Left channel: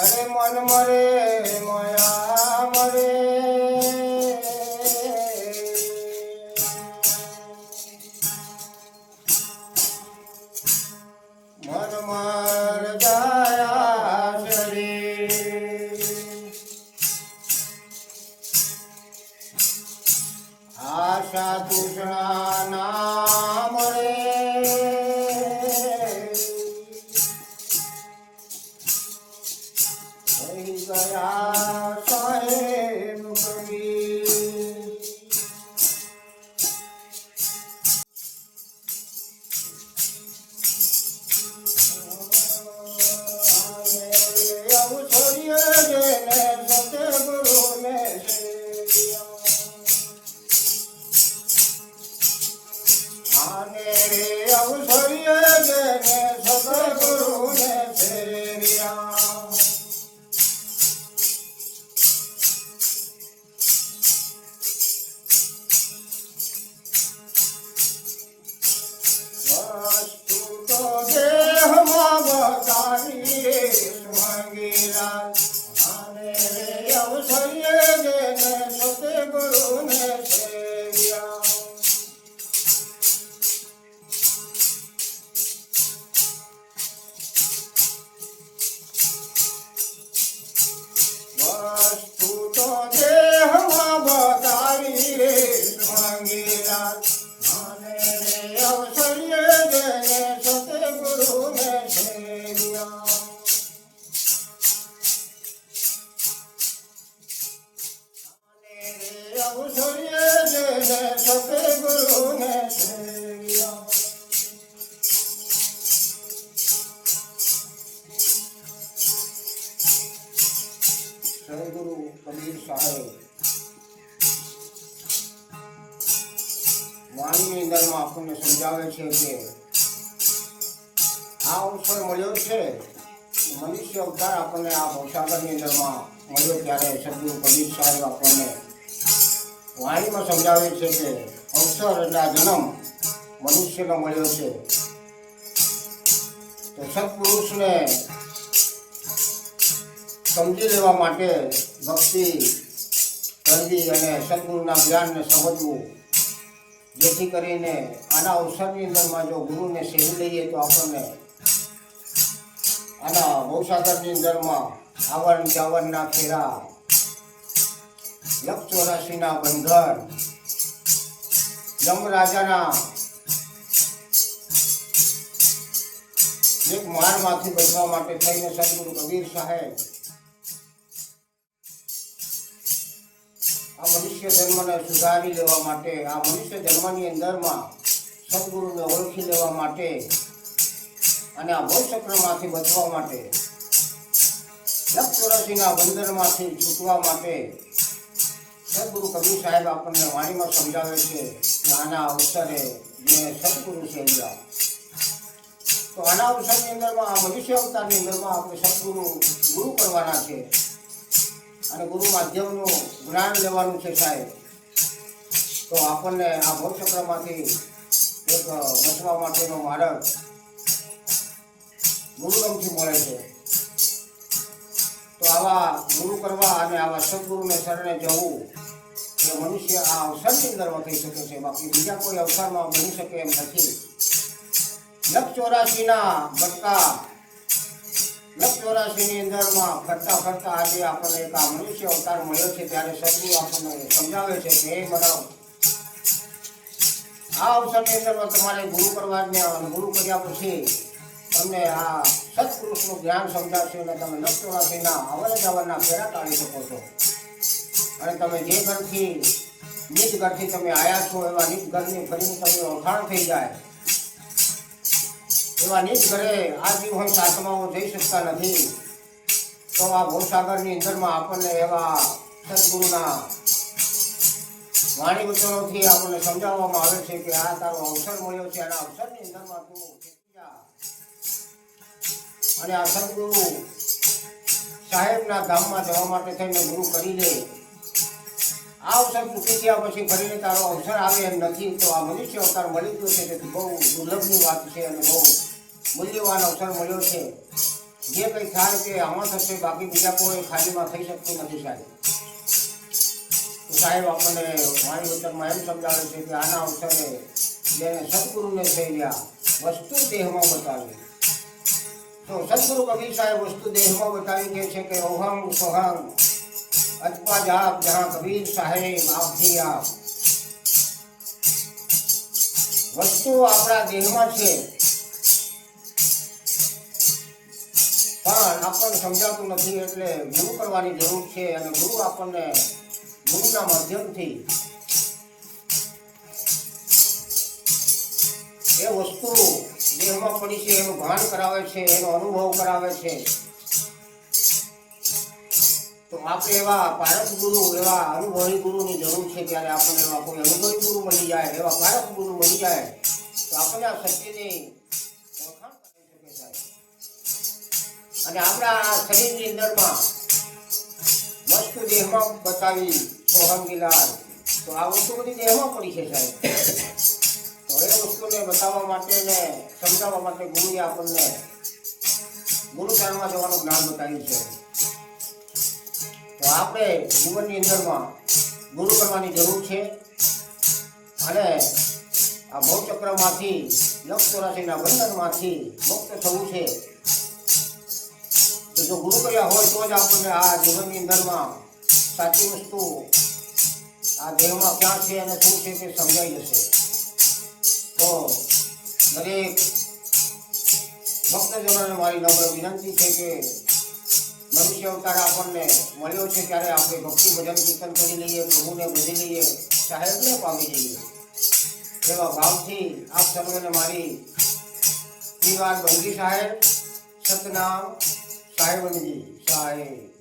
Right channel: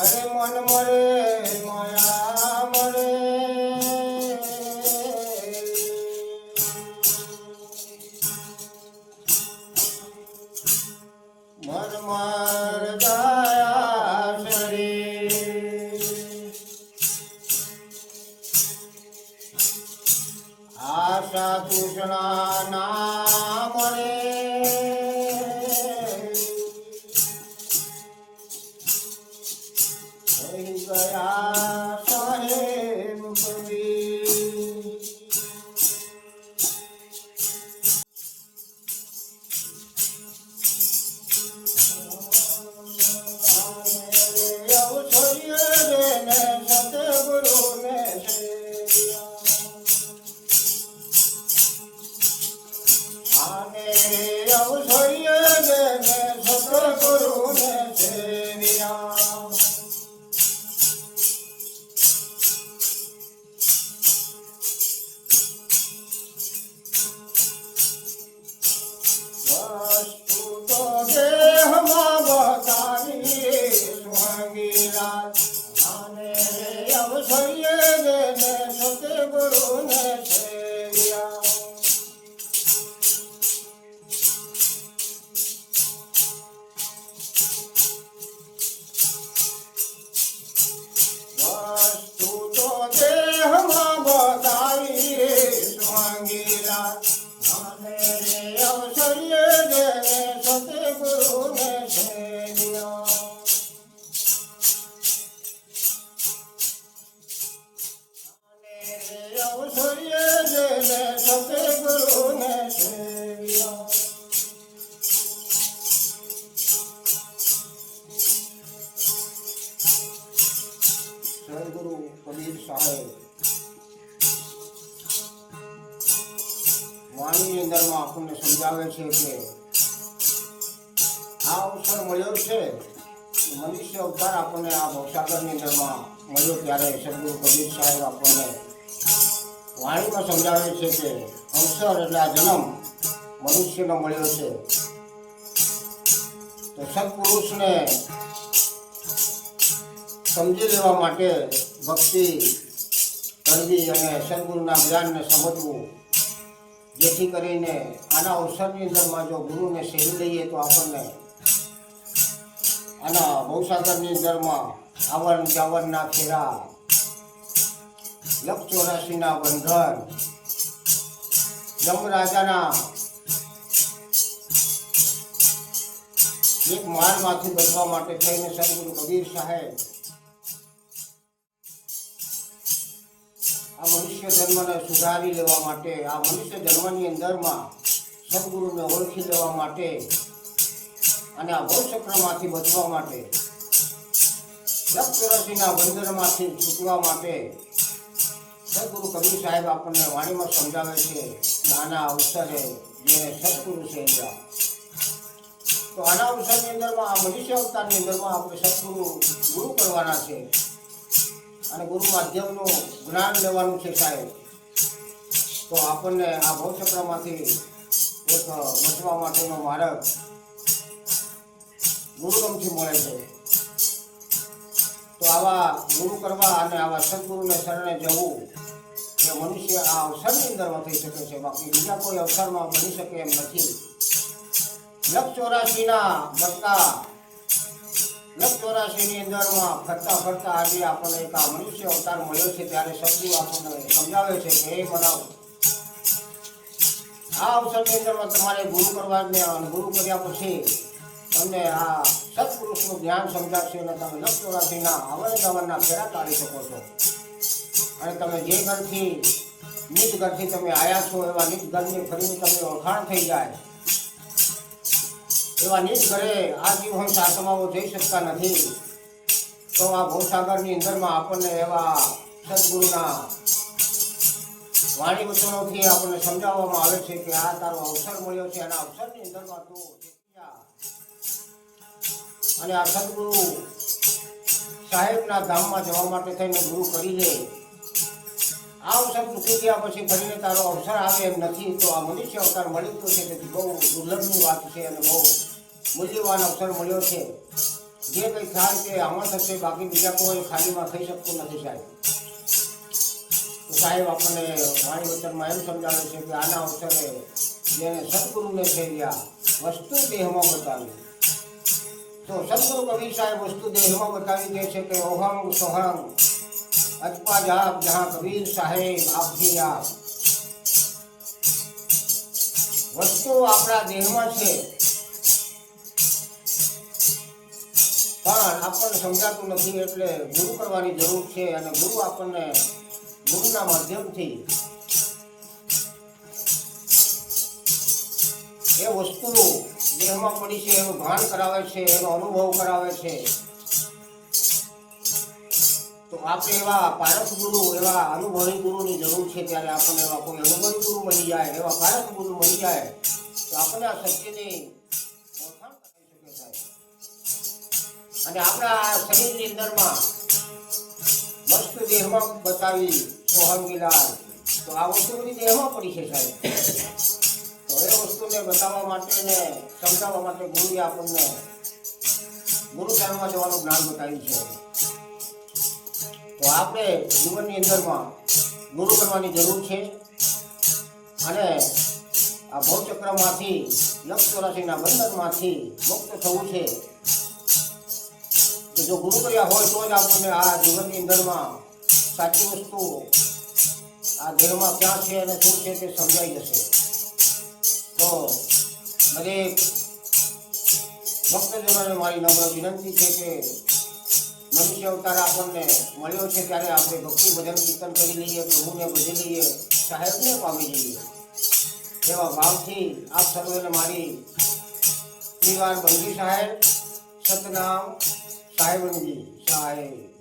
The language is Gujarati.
અરે મન મરે માયા મરે મન મર ગયા શરીર આશા તૃષ્ણા ના મળે થઈ ગયા સાહેબ કબીર અવસર્ય જેને સતગુરુને આને અવસર્ય જેને સતગુરુને સેવ્યા વસ્તુ તો દેહમાં બતાવી રે સુહાગીલાલ આને અવસર્ય જેને સતગુરુને સેવ્યા વસ્તુ તો દેહમાં બતાવી રે સુહાગીલાલ આને અવસર્ય જેને સતગુરુને સેવ્યા અવસર્ય જેને સતગુરુને સેવ્યા સદગુરુ કબીર સાહેબ વાણીની અંદરમાં આપણને સમજાવે છે કે આ અવસર મળ્યો છે મનુષ્ય અવતાર આપણને આ ભવસાગરની અંદરમાં મળ્યો ત્યારે સદગુરુ કબીર સાહેબ આપણને વાણીમાં સમજાવે છે કે અવસર એટલે આ જન્મ મનુષ્યનો મળ્યો છે તો સત્પુરુષને સમજી લેવા માટે ભક્તિ કરવી અને સદગુરુના જ્ઞાનને સમજવું જેથી કરીને આના અવસરની અંદરમાં જો ગુરુને સેવી લઈએ તો આપણને આના ભવસાગરની અંદરમાં આવરણ જાવરના ફેરા લખ 84ના બંધન યમરાજાના એક મારમાંથી બચવા માટે થઈને સદગુરુ કબીર સાહેબ આ મનુષ્ય જન્મને સુધારી લેવા માટે આ મનુષ્ય જન્મની અંદરમાં સદગુરુને ઓળખી લેવા માટે અને આ ભવચક્રમાંથી બચવા માટે લખ 84ના બંધનમાંથી છૂટવા માટે સદગુરુ કબીર સાહેબ આપણને વાણીમાં સમજાવે છે કે આના અવસરે જેને સદગુરુ સેવ્યા તો આના અવસરની અંદરમાં આ મનુષ્ય અવતારની અંદરમાં આપણે સદગુરુ ગુરુ કરવાના છે અને ગુરુ માધ્યમનું જ્ઞાન લેવાનું છે સાહેબ તો આપણને આ ભવચક્રમાંથી એક બચવા માટેનો માર્ગ ગુરુગમથી મળે છે તો આવા ગુરુ કરવા અને આવા સદગુરુને શરણે જવું એ મનુષ્ય આ અવસરની અંદરમાં થઈ શકે છે બાકી બીજા કોઈ અવસરમાં બની શકે એમ નથી લખ 84ના બટકા લખ 84ની અંદરમાં ફરતા ફરતા આજે આપણને એક આ મનુષ્ય અવતાર મળ્યો છે ત્યારે સદગુરુ આપણને સમજાવે છે કે એ બનાવ આ અવસરની અંદરમાં તમારે ગુરુ કરવાને ગુરુ કર્યા પછી તમને આ સત્પુરુષનું જ્ઞાન સમજાવશે અને તમે લખ 84ના અવર જવરના ફેરા કાઢી શકો છો અને તમે જે ઘરથી નીચ ઘરથી તમે આવ્યા છો એવા નીચ ઘરની ફરીને તમે ઓળખાણ થઈ જાય એવા નીચ ઘરે આ જીવન આત્માઓ જઈ શકતા નથી તો આ ભવસાગરની અંદરમાં આપણને એવા સદગુરુના વાણી વચનોથી આપણને સમજાવવામાં આવે છે કે આ તારો અવસર મળ્યો છે અને અવસરની અંદરમાં તું અને આ સદગુરુ સાહેબના ધામમાં જવા માટે થઈને ગુરુ કરી લે આ અવસર ચૂકી ગયા પછી ફરીને તારો અવસર આવે એમ નથી તો આ મનુષ્ય અવતાર મળી ગયો છે તેથી બહુ દુર્લભની વાત છે અને બહુ મૂલ્યવાન અવસર મળ્યો છે જે કંઈ થાય તે આમાં થશે, બાકી બીજા કોઈ ખાલીમાં થઈ શકતું નથી સાહેબ. તો સાહેબ આપણને વાણી વચનમાં એમ સમજાવે છે કે આના અવસરે જેને સદગુરુને થઈ ગયા વસ્તુ દેહમાં બતાવી. તો સદગુરુ કબીર સાહેબ વસ્તુ દેહમાં બતાવી કહે છે કે ઓહંગ સોહંગ અજપા જાપ જહાં કબીર સાહેબ આપથી આપ. વસ્તુ આપણા દેહમાં છે પણ આપણને સમજાતું નથી, એટલે ગુરુ કરવાની જરૂર છે. અને ગુરુ આપણને ગુરુના માધ્યમથી એ વસ્તુ દેહમાં પડી છે એનું ભાન કરાવે છે, એનો અનુભવ કરાવે છે. તો આપણે એવા પારક ગુરુ, એવા અનુભવી ગુરુની જરૂર છે. ત્યારે આપણને એવા કોઈ અનુભવી ગુરુ મળી જાય, એવા પારક ગુરુ મળી જાય તો આપણને આ સત્યની ઓળખાણ કરી શકે સાહેબ. અને આપણા શરીરની અંદરમાં વસ્તુ દેહમાં બતાવી સોહંગીલાલ, તો આ વસ્તુ બધી દેહમાં પડી છે સાહેબ. તો એ વસ્તુને બતાવવા માટે ને સમજાવવા માટે ગુરુએ આપણને ગુરુ શરણમાં જવાનું જ્ઞાન બતાવ્યું છે. તો આપણે જીવનની અંદરમાં ગુરુ કરવાની જરૂર છે. અને આ ભવચક્રમાંથી, લક્ષ 84ના બંધનમાંથી મુક્ત થવું છે. તો જો ગુરુ કર્યા હોય તો જ આપણને આ જીવનની અંદરમાં સાચી વસ્તુ આ દેહમાં ક્યાં છે અને શું છે તે સમજાઈ જશે. તો દરેક ભક્તજનોને મારી નમ્ર વિનંતી છે કે મનુષ્ય અવતાર આપણને મળ્યો છે ત્યારે આપણે ભક્તિ ભજન કીર્તન કરી લઈએ, પ્રભુને ભજી લઈએ, સાહેબને પામી જઈએ. એવા ભાવથી આપ સર્વેને મારી શ્રીવાન બંગી સાહેબ સતનામ સાહેબજી સાહેબ.